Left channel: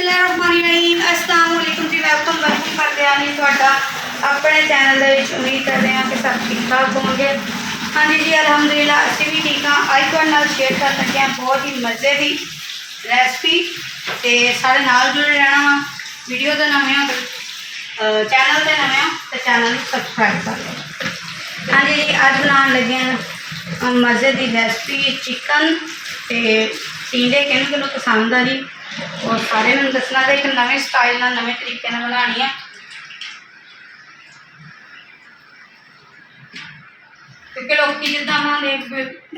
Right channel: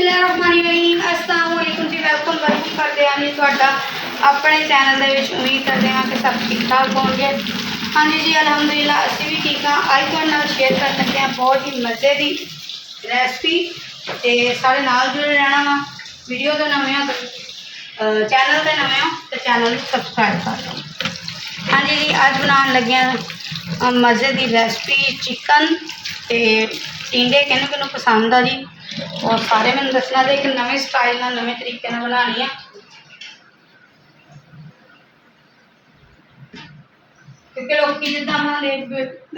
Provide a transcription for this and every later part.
बिस्मिल्लाहिर्रहमानिर्रहीम अस्सलाम वालेकुम जी। वेलकम करते हैं जी तुहाडा अपने चैनल दे विच। उम्मीद करते हैं कि सब ठीक ठाक होंगे। हाँ जी अलहमदुलिल्लाह असीं भी ठीक हाँ। अज तुहाडे नाल शेयर कर लगे हैं बहुत ही मज़े की रेसिपी। तो सारे नाल जुड़े रहना वा। वीडियो तो नवे हो चैनल से नवे हो तो चैनल सबसक्राइब कर लो। हाँ जी अज बनाने लगे हैं मज़े की रेसिपी चिकन ते टिंडे। किनू किनू पसंद आ जी और सारे मैं दसना तो एक नवे स्टाइल ना नवे तरीके बनानी है। क्योंकि लोग जिदा बनाते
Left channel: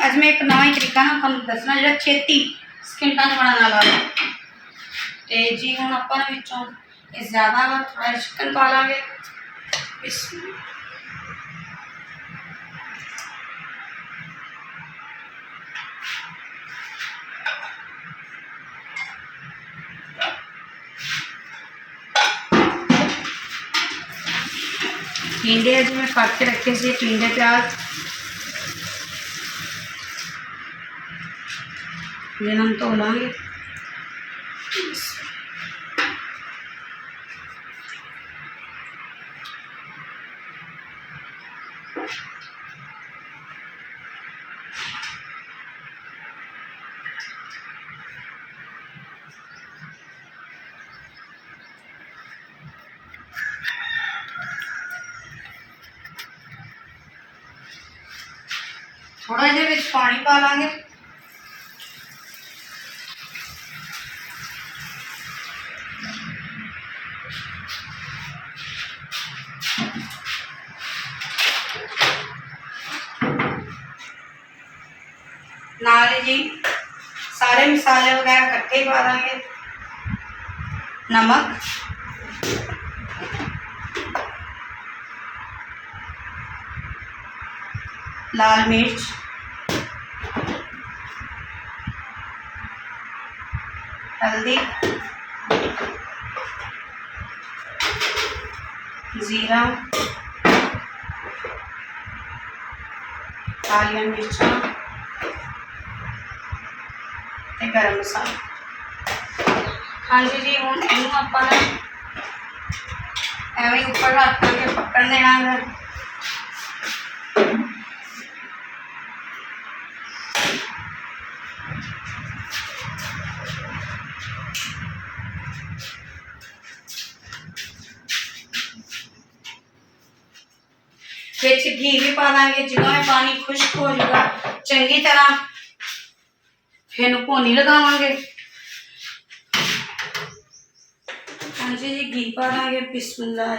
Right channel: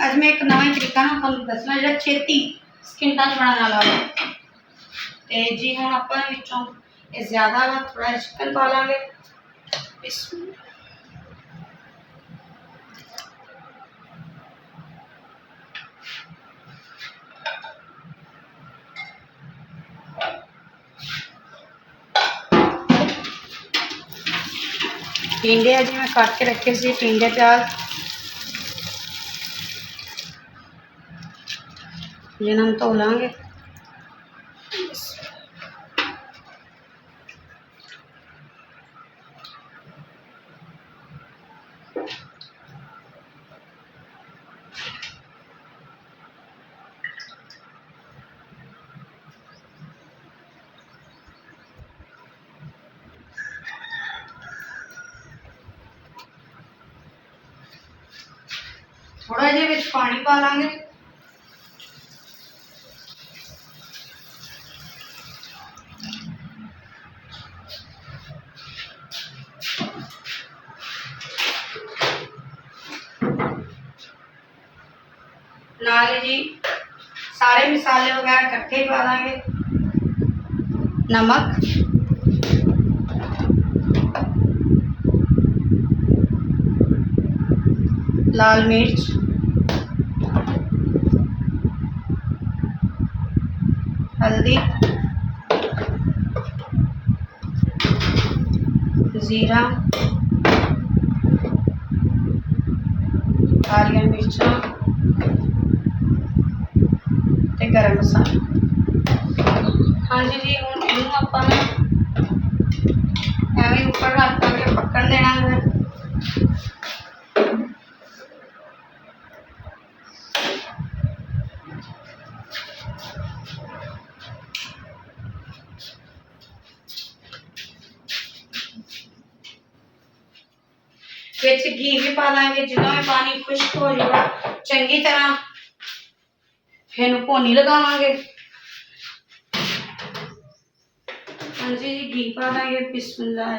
अज मैं एक नवा ही तरीका ना तुम दसना जो छेती सकिंटा बनाने वाला है। तो जी हम अपन ज़्यादा थोड़ा चिकन पा लेंगे। टिंडे अभी मैं काट के रखे से टिंडे प्याज जिन्हें हम धो लेंगे। थोड़ा जिहा पानी पा लेंगे। नाल जी सारे मसाले वगैरह कट्ठे पा देंगे। नमक, लाल मिर्च, हल्दी, जीरा, कालिया मिर्चा ते गरम मसाला। हाँ जी हम इन अपन एवं उपर रख के पकन देना है। विच घी भी पा देंगे। जो पानी खुश्क हो जाएगा चंगी तरह फिर भोनी लगावे। हाँ जी घी पा देंगे। बिस्मिल्लाह।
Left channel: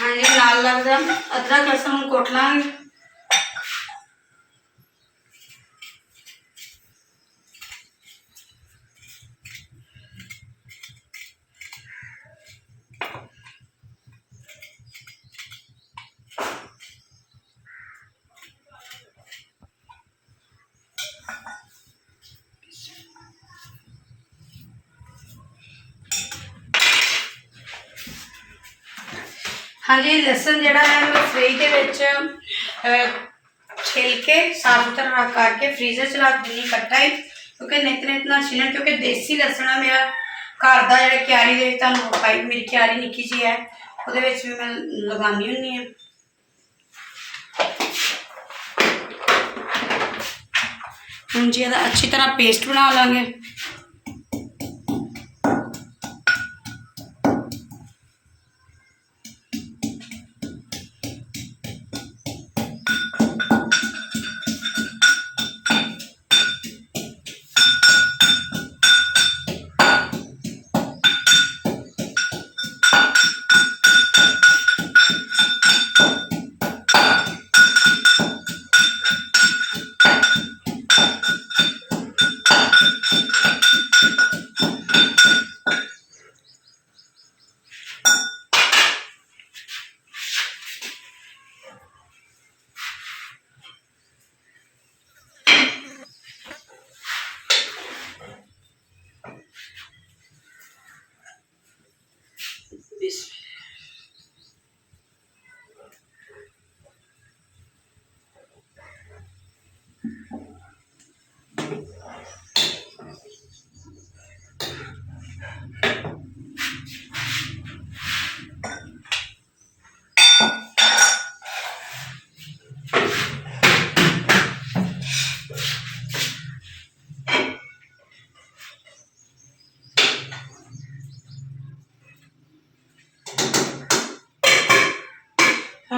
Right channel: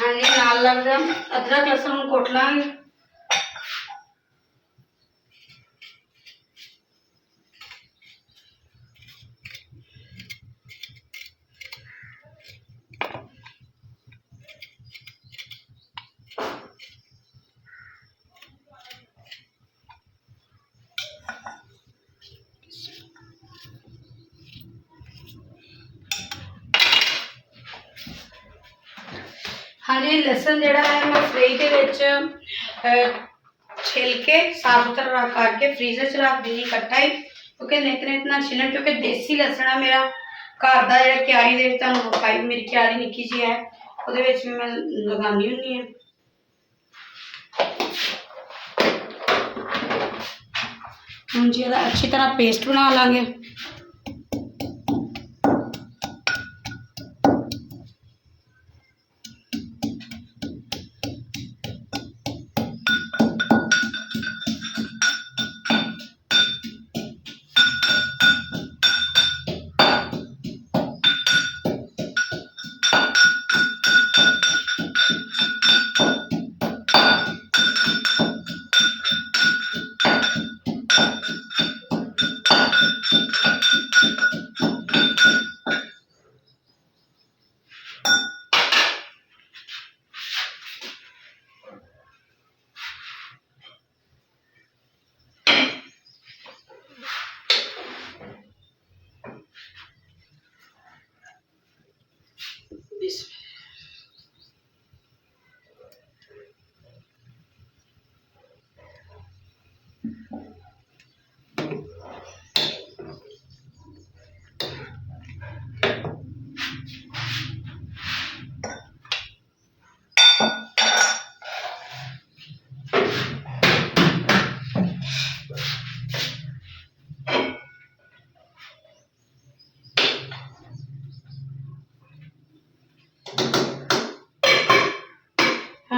हाँ जी नाल लगता अदरक लहसुन कुट लांगे। हाँ जी लसन जोड़ा है मैं फ्रिज के छिल के साफ सुथरा रख करके फ्रीजर च रख दी कट्टा ही। क्योंकि नित नित ना छिलन क्योंकि देसी लसन है मेरा घर का जो क्यारी पाई मेरी क्यारी निक्की जी है वो भी मैं लगानी होनी है। हम जी अच्छी तरह पेस्ट बना लेंगे।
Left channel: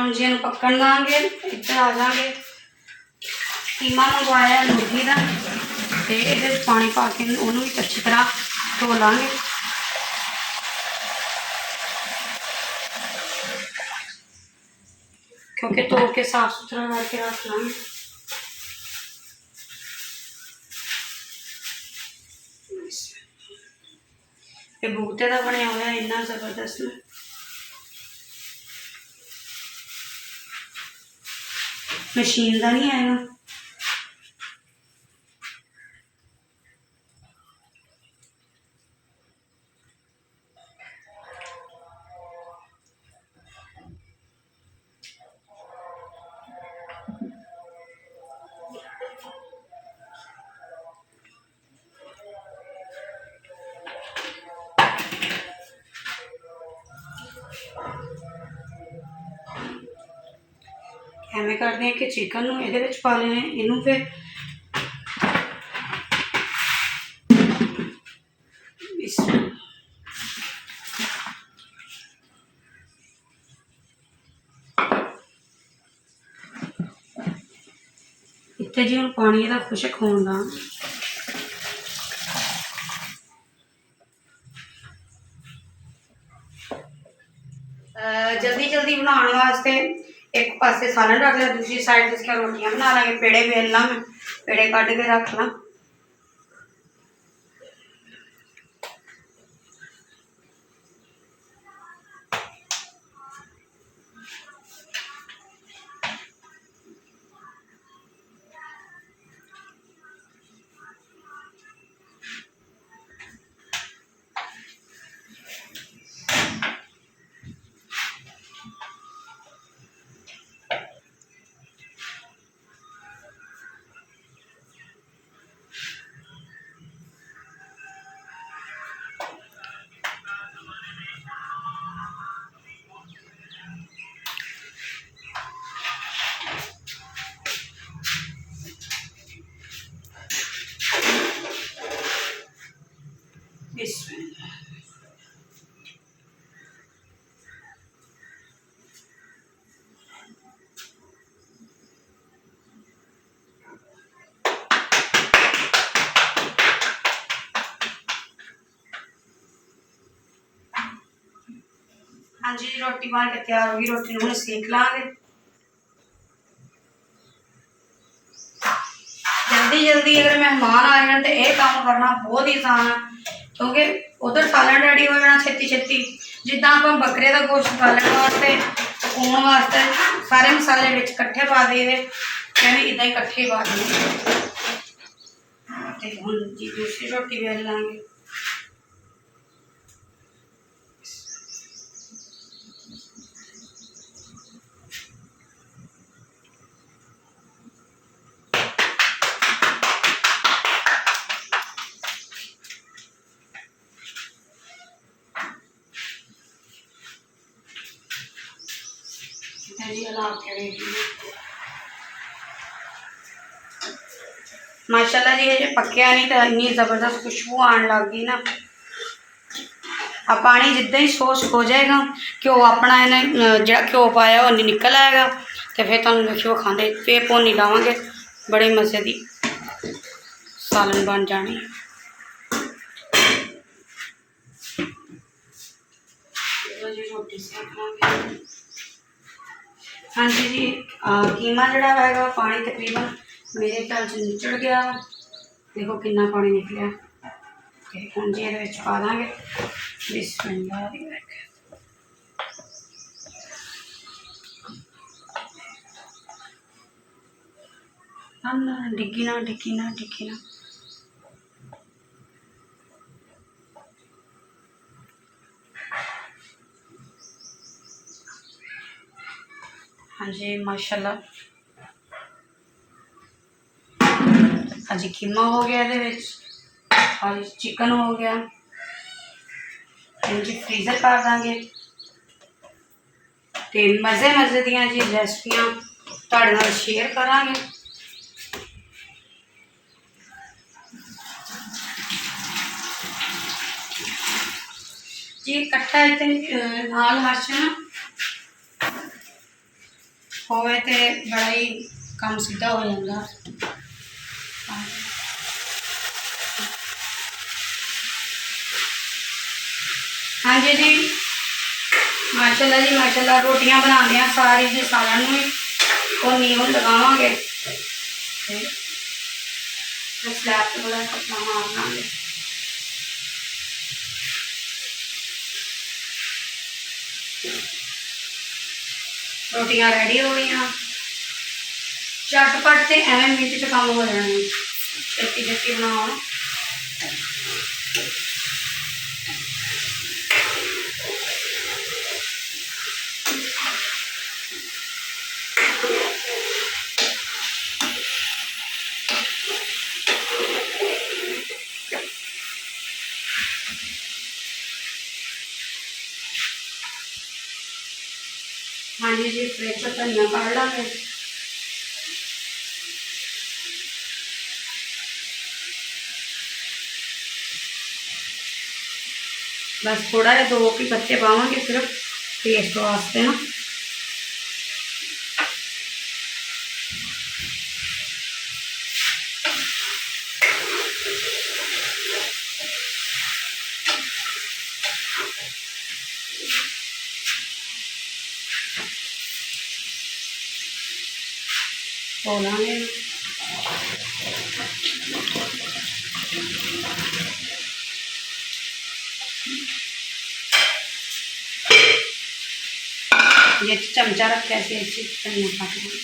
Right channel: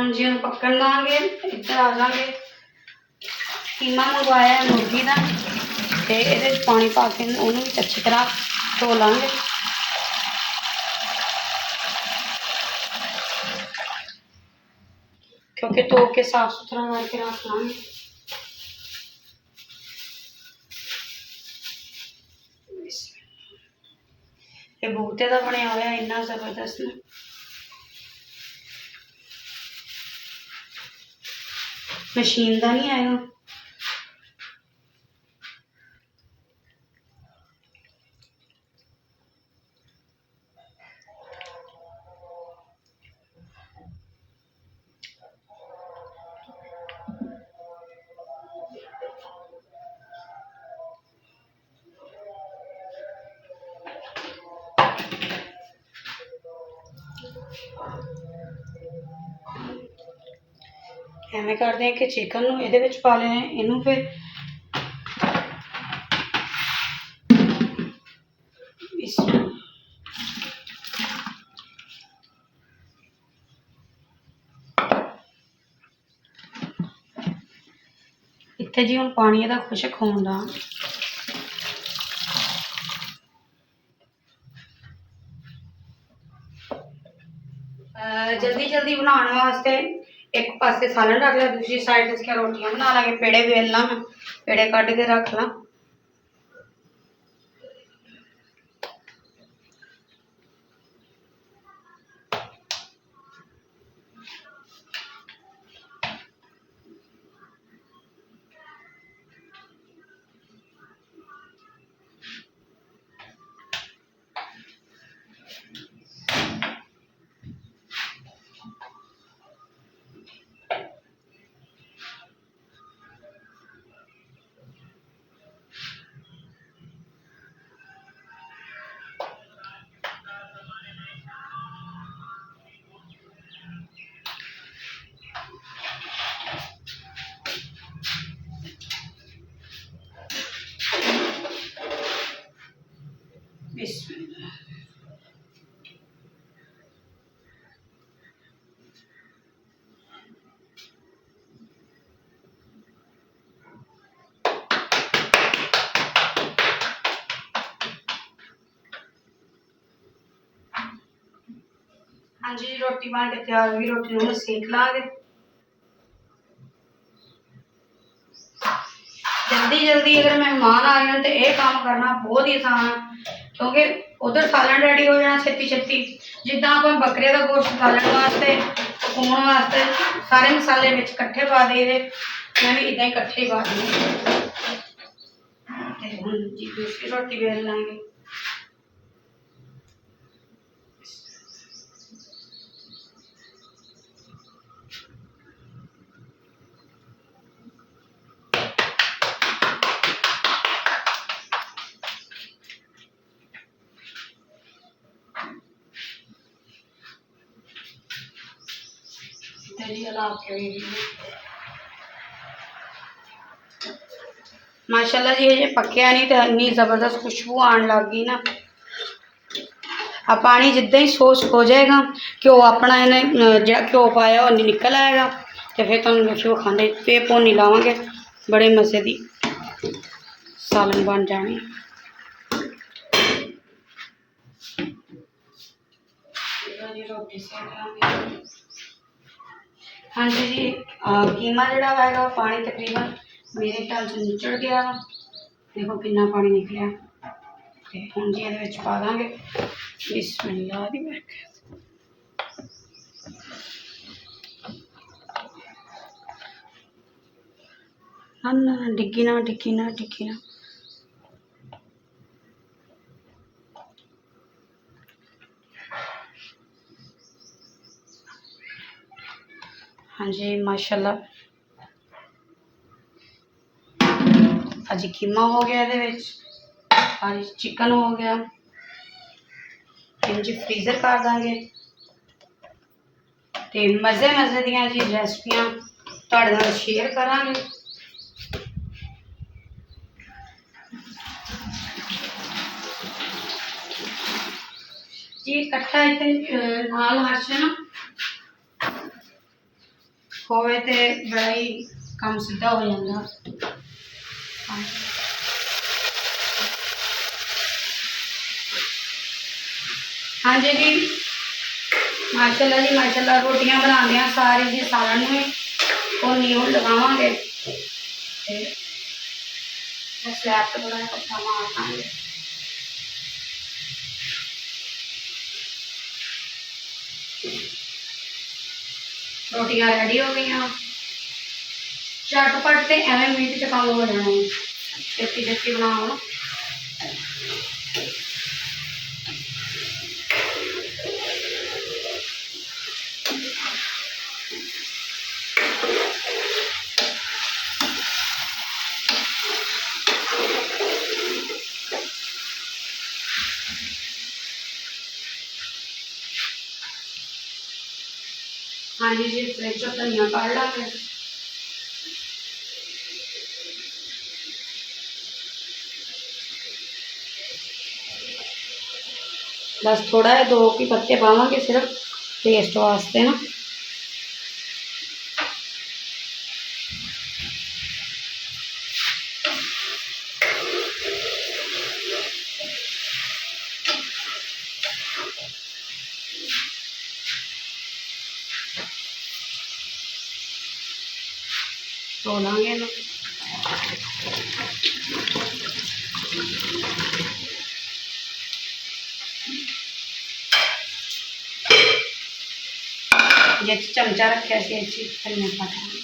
हम जी पकड़ देंगे। इधर आ जाएंगे, कीमा मंगवाया मुर्गी का, तो ये पानी पा के उन्होंने भी अच्छी तरह धो लाँगे। क्योंकि धो के साफ सुथरा करके रख लाँगे। ये बूटे का बनया हुआ है, इन्ना जबरदस्त ना। मशीन का नहीं आएगा। एवं करते हैं कि चिकन ये पा लेने, इनू फिर इतने जी हम पानी का खुशक होने जल्दी जल्दी बनाने वास्ते एक पासे सालन रख लिया, दूसरी साइड इसके रोटियां बना लेंगे। पेड़े बेल ला, मैं पेड़े कट के रख ला। हाँ जी, रोटी बन के तैयार होगी। रोटी हम सेक लाँगे। जल्दी जल्दी अगर मेहमान आ जाए तो यह काम करना बहुत ही आसान है, क्योंकि उधर सालन रेडी हो जाना छेती छेती। जिदा आप बकरे का गोश्त सालन वास्ते पकाने वास्ते सारे मसाले विच कट्ठे पा देते, मैं भी इदा ही कट्ठे ही पा देने। हम जी दूसरी रोटी बेल लाँगे। माशाल्लाह जी, ये पकया नहीं तो इन्नी जबरदस्त खुशबू आने लग गई ना। अब पानी जिदा ही सोस हो जाएगा, घ्यो अपना इन्हें जो घ्यो पाया वो निकल आएगा, तो फिर तुम देखियो खाने फिर भोनी लावांगे। बड़े मजे की सालन बन जानी। रोटी सेक लांगे। हाँ जी जी, कीमा जड़ा है पानी तकरीबन मेरे ख्याल से निचड़ गया। देखो कितना पानी निकलिया। हम जी ये पा देंगे बिस्मिल्लाह दी बरकत। ना डिग्गी ना डिग्गी ना डिग्गी ना। हाँ जी माशाल्लाह, अज कीमा हो गया, अज चिकन हो गया। जी फ्रीजर कर देंगे, तो मज़े मज़े दियां जी रेसिपियां तुहाडे नाल शेयर करांगे। जी कट्ठा इतने लाल मर्च ना होवे तो बड़ा ही काम सीधा हो जाता। हाँ जी जी माशाल्लाह जी माशाल्लाह रोटियां बनाने हैं सारी जी सालन में और नींव लगावे स्लैब तो बड़ा पत्ता मार देंगे। रोटियां रेडी हो गई झटपट तो एवं मिनट च काम हो जाना है छेती छेती बनाओ। हाँ जी जी फ्रिज धनिया काढ़ लाँगे। बस थोड़ा है 2 के पत्ते पावांगे सिर्फ टेस्ट वास्ते ना। धो लाँगे ना ये चमचा रखे से धनिया काटेंगे।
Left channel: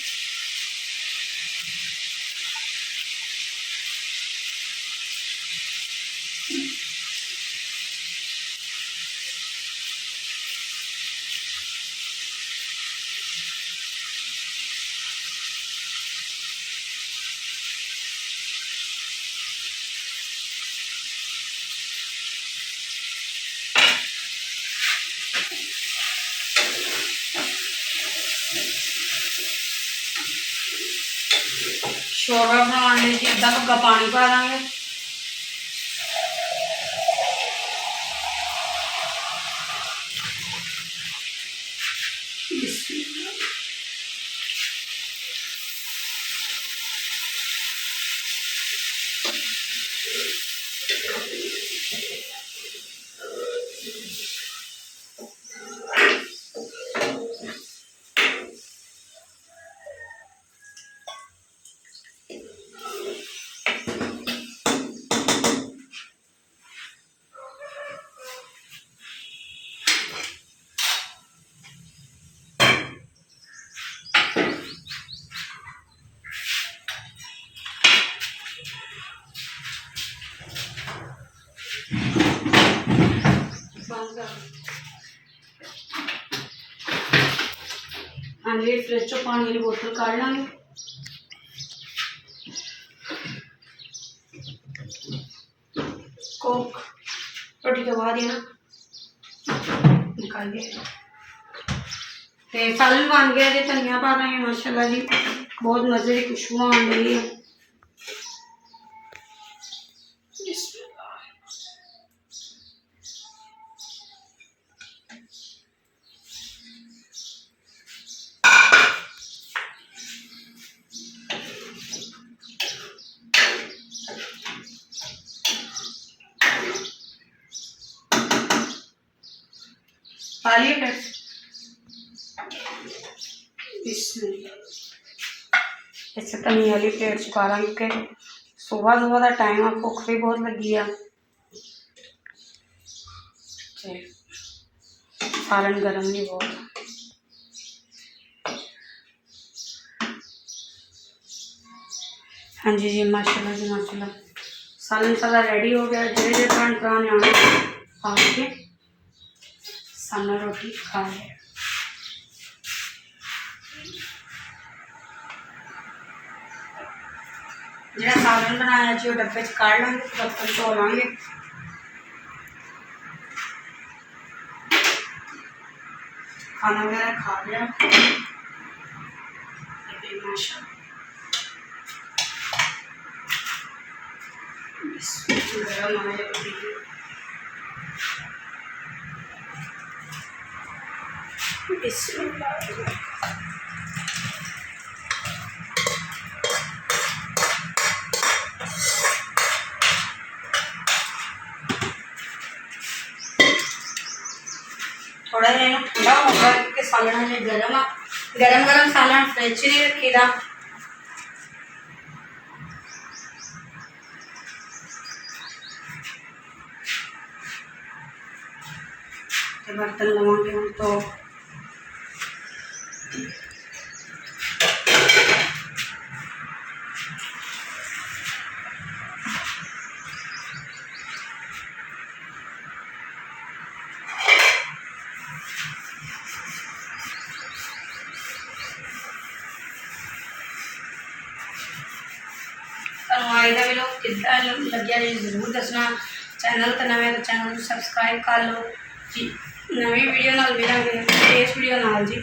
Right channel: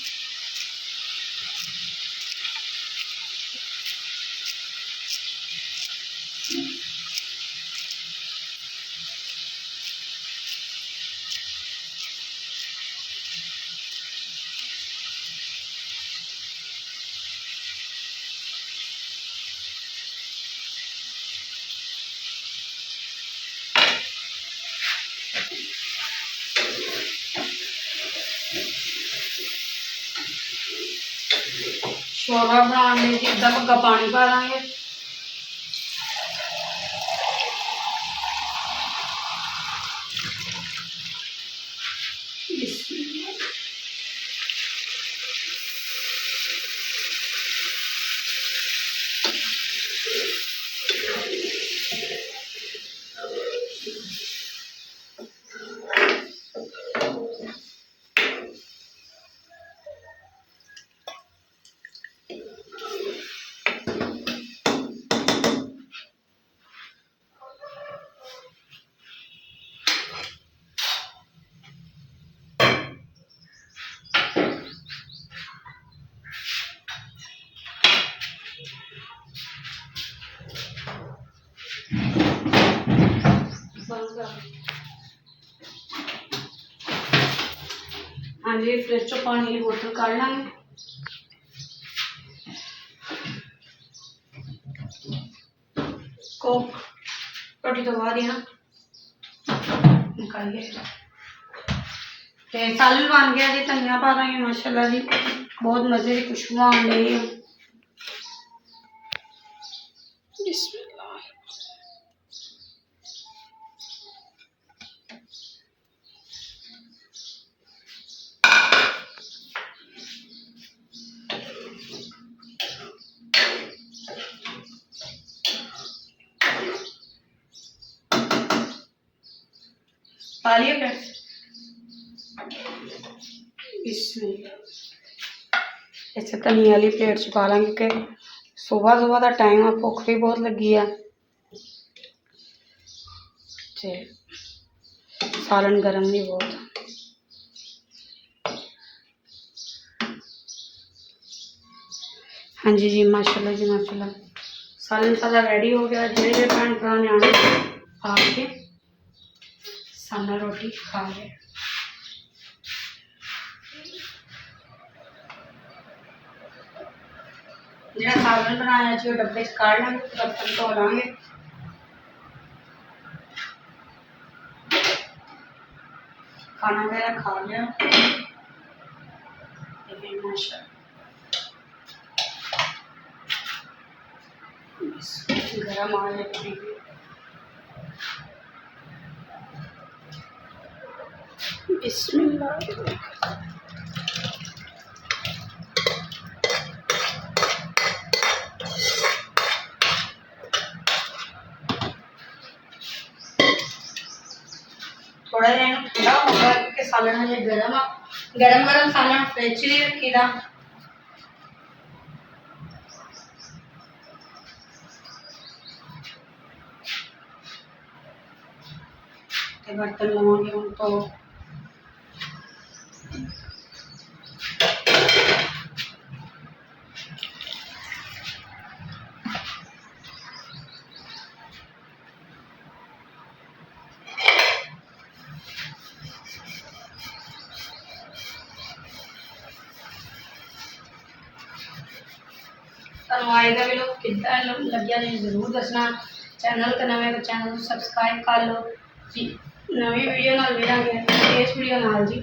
शोरबा बनाने जी अद्धा भग्गा पानी पा देंगे। हाँ जी फ्रिज चो पानी वाली बोतल काढ़ लाँगे। कोक रोटी तो बाद ही ना निकालिए तो सालन बन गया जी। धनिया पा देंगे माशाल्लाह जी बहुत मज़े की खुशबू आ रही है। पा लिए प्लेट इसे धनिया वाली प्लेट चुका लेंगे कि सुबह सुबह का टाइम है भुख भी बहुत लगी है। सालन गर्म भी बहुत। हाँ जी जी माशाल्लाह जी माशाल्लाह सालन सारा रेडी हो गया। जे खान खाने आने आके सामने रोटी खा ले। जो सालन बनाया जी डब्बे च काढ़ लाँगे बर्तन धो लाँगे। खाना वगैरह खा लिया माशाल्लाह गरम आ जाए। बिस्मिल्लाह थोड़ा जिहा इहनूं ठंडा होगा क्योंकि सालन हजे गर्म आ। गरम गरम सालन फ्रिज नहीं रखीदा। बर्तन लवांगे हम तो आज का वीडियो कितना लग्या जी जरूर दसना। चैनल तो नवे तो चैनल सबसक्राइब कर लो जी। नवी वीडियो नाल मिलांगे इस वीडियो नाल जी।